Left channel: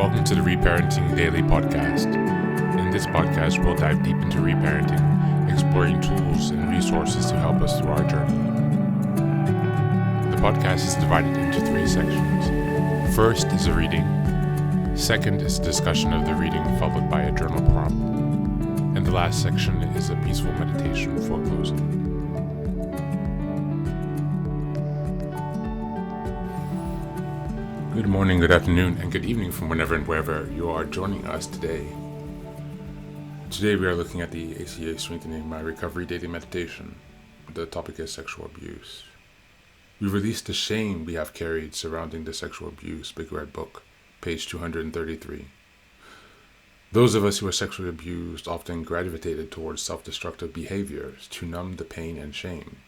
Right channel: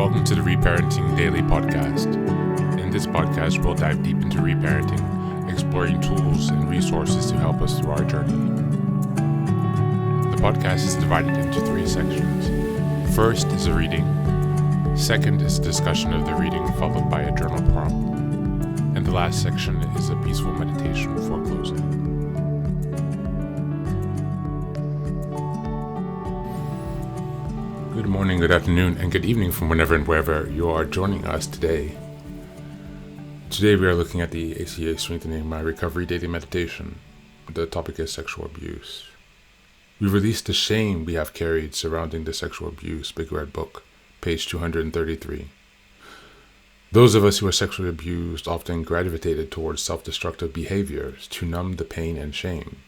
Welcome to the Reparenting Daily podcast. In this podcast, we'll dive deep into reparenting, exploring tools and resources to help us through our journey. The podcast is divided into 3 sections. First is a reading. Second is a discussion of the reading, followed by a journal prompt. And the last section is a peaceful meditation for closing. Good morning, good afternoon, and good evening from whenever and wherever you are joining us today. Today we are looking at the ACA Strengthening My Recovery Daily Meditation. The topic is sexual abuse. We release the shame we have carried surrounding the sexual abuse, Big Red Book, page 233. Those of us who are sexually abused often gravitated towards self-destructive behaviors to numb the pain and shame.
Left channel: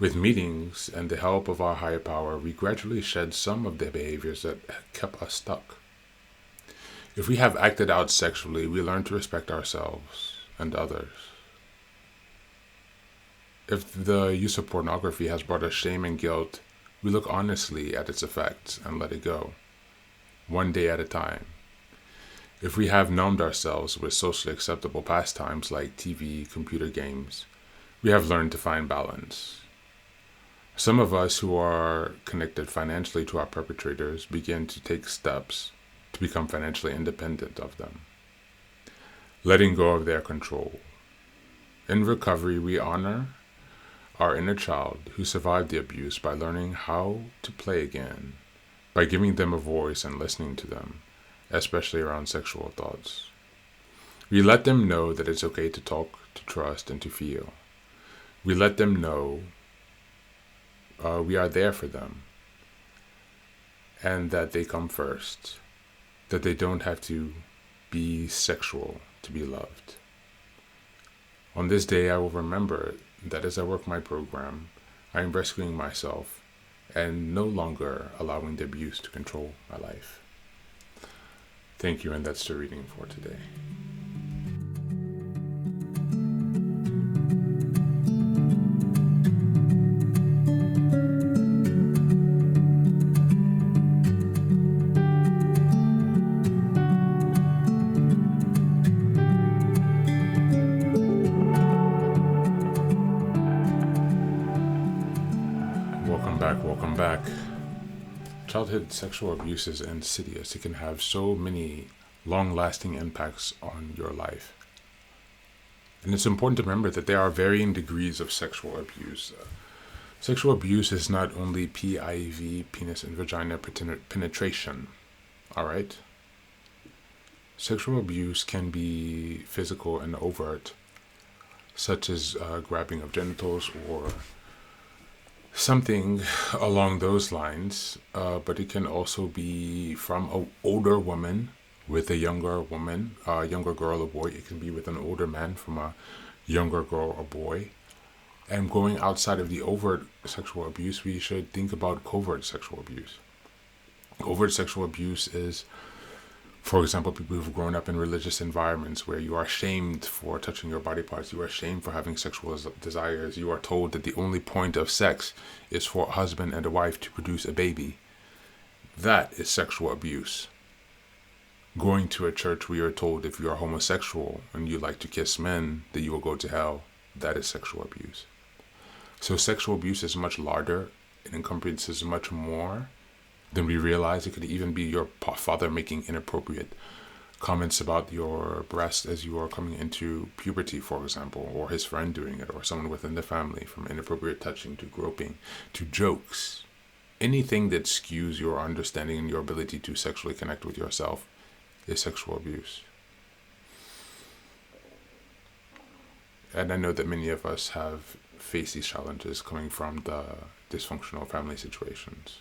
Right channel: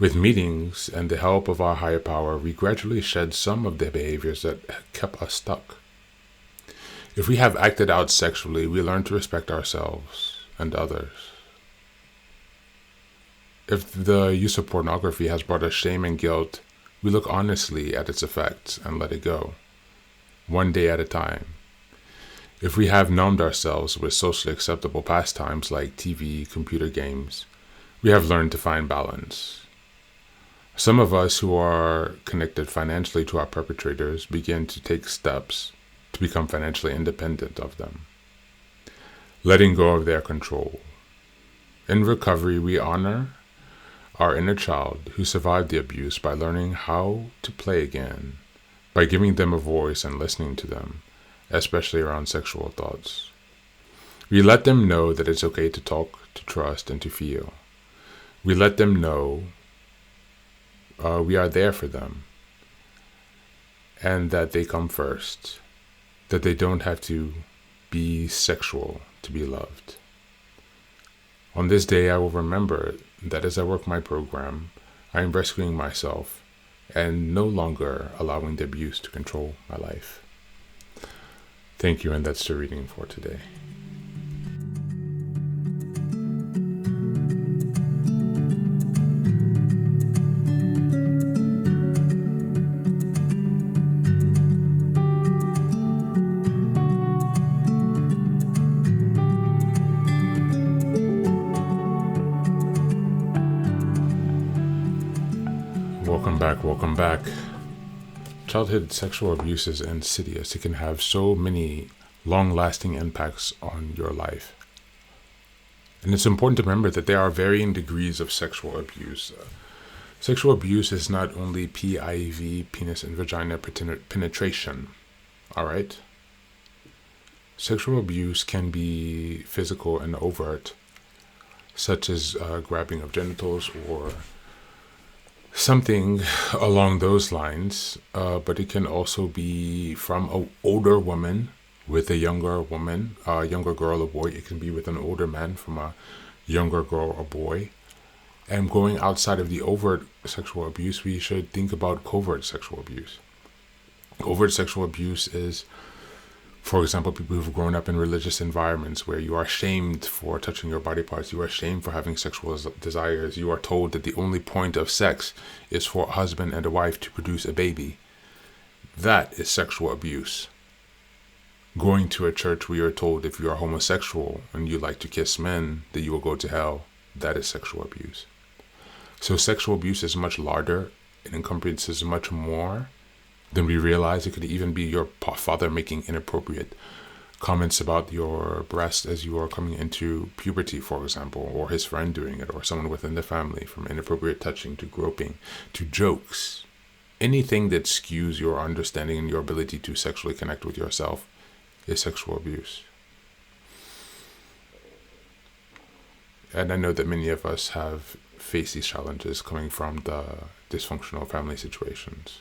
With meetings and the help of our higher power, we gradually shed some of the behaviors that kept us stuck. If we have acted out sexually, we learn to respect ourselves and others. If the use of pornography has brought us shame and guilt, we look honestly at its effects and let it go, one day at a time. If we have numbed ourselves with socially acceptable pastimes like TV, computer games, we have learned to find balance. Some of us who are connected financially to our perpetrators begin to take steps to become financially independent of them, letting go of their control. In recovery, we honor our inner child who survived the abuse by learning how to play again, by giving them a voice and listening to them, especially around sexual thoughts. We let them know that it's okay to talk, to trust, and to feel. We let them know we are there for them, and that they come first, that they don't have to be sexual to be loved. On this day, I will remember that as I work my program, I am rescuing myself and no longer allowing the abuse to control my life. Thank you, and that's the reading for today. Welcome back. Childhood sexual abuse is insidious. It can have so many long-lasting impacts on your life. And it's important to remember that there are varying degrees of sexual abuse. Sexual abuse is not only PIV, penis and vagina penetration. All right? Sexual abuse can be physical and overt, such as grabbing of genitals or something along those lines, but it can also be from an older woman with a younger woman, a younger girl or boy. It can be with an older man from a younger girl or boy. And going outside of the overt sexual abuse, we should think about covert sexual abuse. Covert sexual abuse is, for example, people who've grown up in religious environments where you are shamed for touching your body parts, you are shamed for having sexual desires, you are told that the only point of sex is for a husband and a wife to produce a baby. That is sexual abuse. Going to a church where you're told if you are homosexual and you like to kiss men, that you will go to hell, that is sexual abuse. So sexual abuse is much larger. It encompasses much more than we realize. It could even be your father making inappropriate comments about your breast as you are coming into puberty, for example, or his friend doing it, or someone within the family, from inappropriate touching to groping to jokes. Anything that skews your understanding and your ability to sexually connect with yourself is sexual abuse. And I know that many of us have faced these challenges coming from the dysfunctional family situations.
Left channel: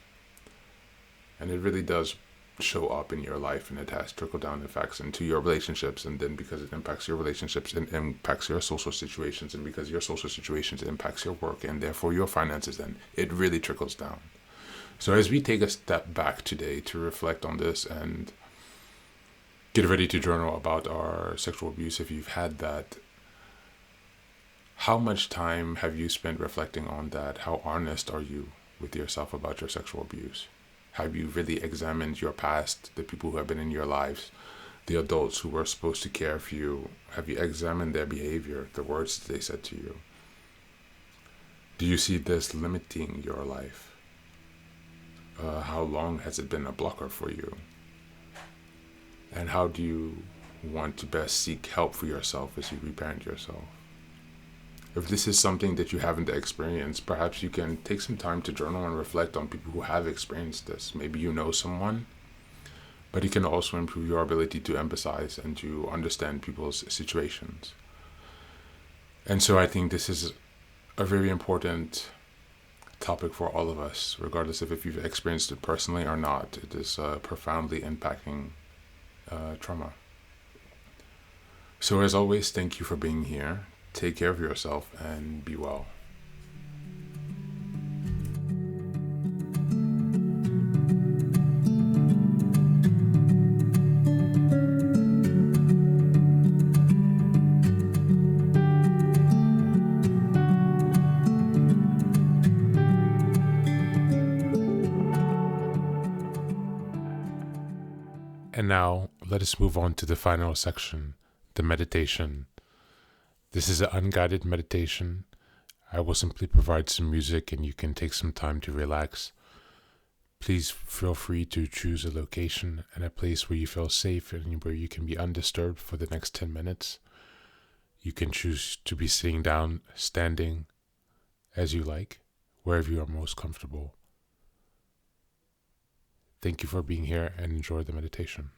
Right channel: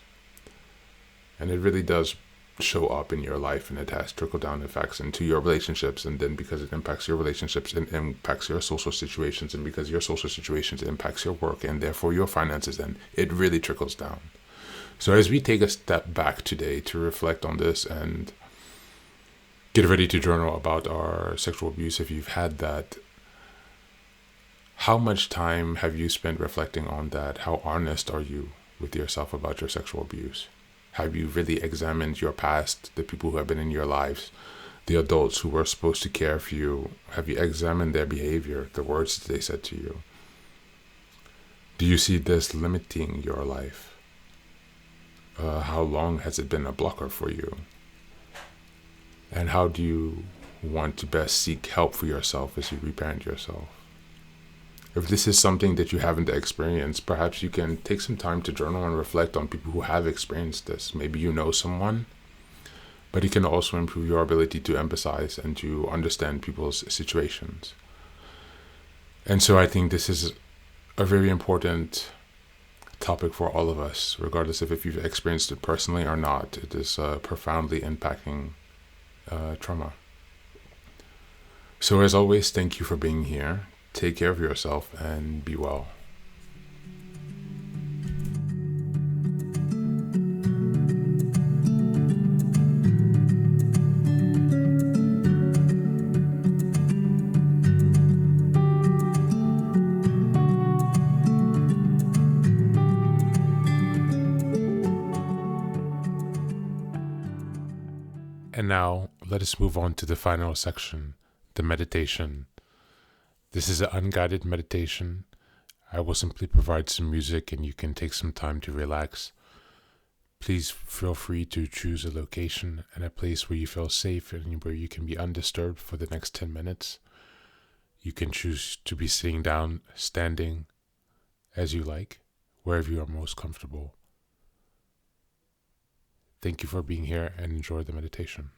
And it really does show up in your life, and it has trickle-down effects into your relationships. And then because it impacts your relationships, it impacts your social situations. And because your social situations impacts your work and therefore your finances, then it really trickles down. So as we take a step back today to reflect on this and get ready to journal about our sexual abuse, if you've had that, how much time have you spent reflecting on that? How honest are you with yourself about your sexual abuse? Have you really examined your past, the people who have been in your lives, the adults who were supposed to care for you? Have you examined their behavior, the words that they said to you? Do you see this limiting your life? How long has it been a blocker for you? And how do you want to best seek help for yourself as you reparent yourself? If this is something that you haven't experienced, perhaps you can take some time to journal and reflect on people who have experienced this. Maybe you know someone, but it can also improve your ability to empathize and to understand people's situations. And so I think this is a very important topic for all of us, regardless of if you've experienced it personally or not. It is profoundly impacting trauma. So as always, thank you for being here. Take care of yourself and be well. And now, let us move on to the final section, the meditation. This is an unguided meditation. I will simply provide some music and you can take some time to relax. Please feel free to choose a location and a place where you feel safe and where you can be undisturbed for the next 10 minutes. You can choose to be sitting down, standing, as you like, wherever you are most comfortable. Thank you for being here and enjoy the meditation.